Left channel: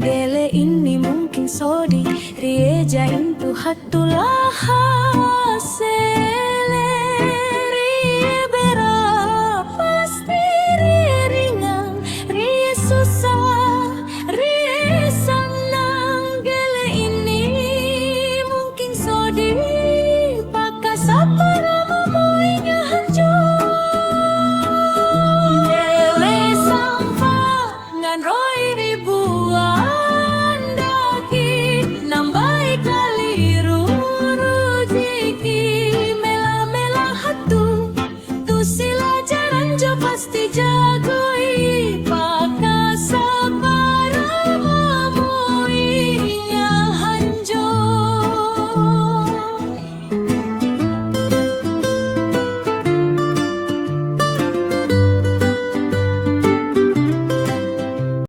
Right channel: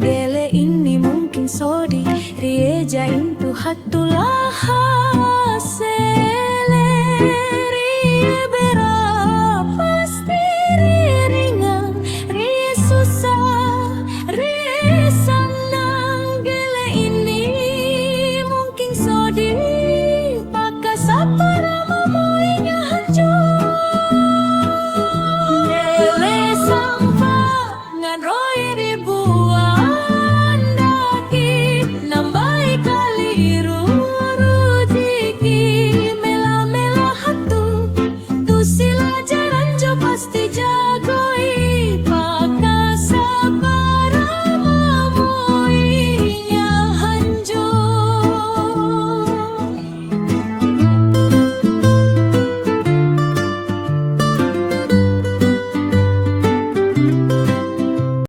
Gele ini mungkin sodi rieja intu hatulah rie berapa pasti rie ringan rie susah rie senang. Gele ini mungkin sodi pakai sapara mamoinya hancur. Gele sampah ngan roi ribu